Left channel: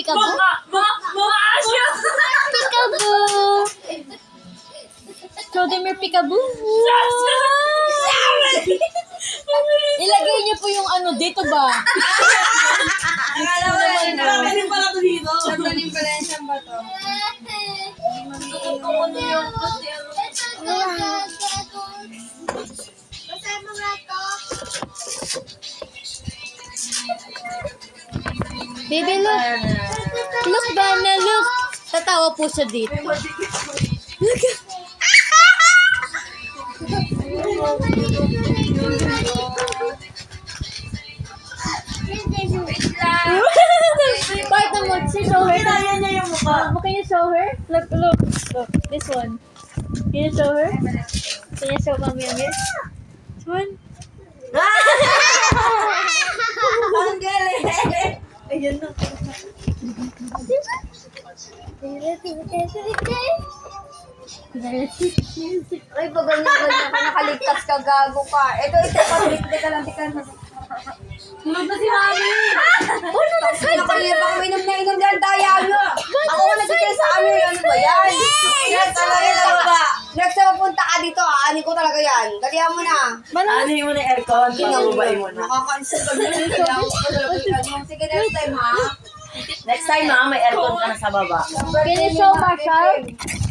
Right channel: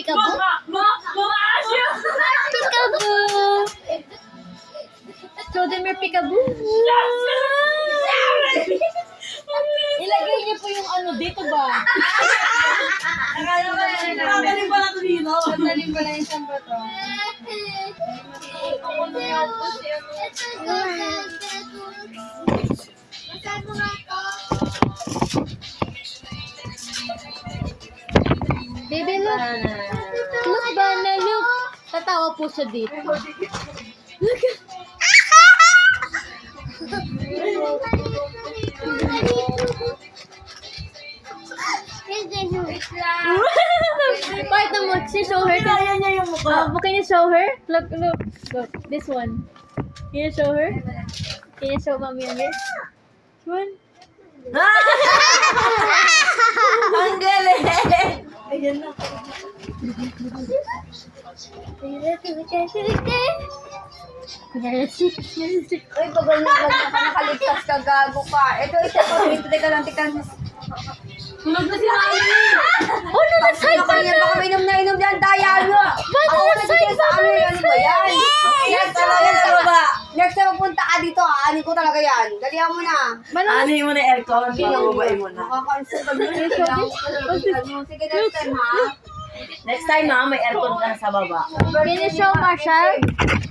peekaboo? Mga asya! Peekaboo! Show them your peekaboo! Ilagay niyo po yung ano dito ba? Nakagaling pala ito dito. Sandaling pala yung siyang bato. Baby, look! Look, Dana, look! Tatawa po siya dito. Look! Part mo, show her. Kaya niya yung mukha. Can you show her? Look, look, look. This one. Can you show her? Can you show mommy on this? This one? Ang galing! Ayan na. Ay, bagal na nakaligtas ka, gago ka. Ito, teka lang. Tulog na si Nani. Oh no, that's high Baka inom na inom yan, daya nyo. Ako na dito sa amin, ano ba yan? Next time mapunta ka dito, aanin ko talaga yan. Dalihan mo na. Ano yung muna aircon? Pababay mo na. Nakaka-cancel ka na. Sige, next time ha. Next time may aircon ka na sa baba. Can you show Marshall?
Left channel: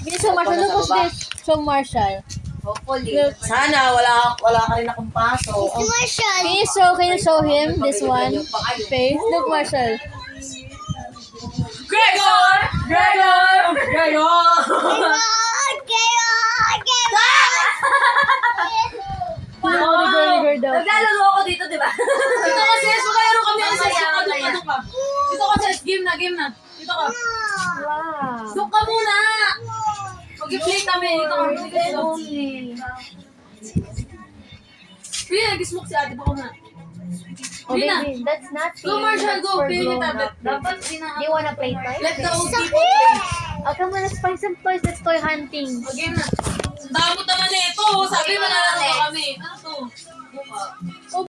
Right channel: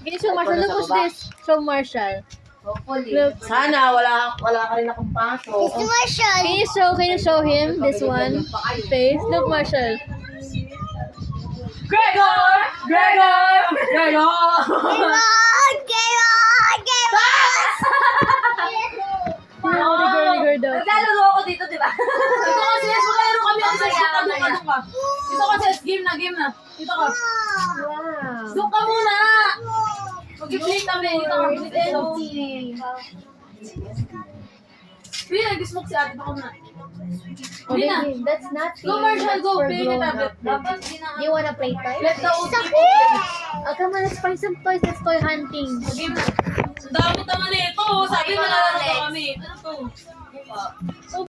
Can you show Marshall? Look what's this. Show Marshall. Hopefully. Look. Sana wala ka rin akong pasok. Can you show him this one? Face. Look, Marshall. Gregor! Gregor! Gregor! Rigor daw. Naglalaro ako dito, di ba? Dito kasi, makalaro kami ang sa kadong ka. Dito kasi, game na. Dito ka. Wow. Doon ka muna! Mag-play kami. Dito ka. Pili, nag-smoke si ate. Bako na. Oh, baby, that's not Go, Marshall, go. Pili ni tablet. Dapat Do you wanna play toys? Let the old people play. Oh, come on, let's find some toys. Let's toy hunting. Game na. Damot naman eh ito. Sabi mo na kami. Ano to?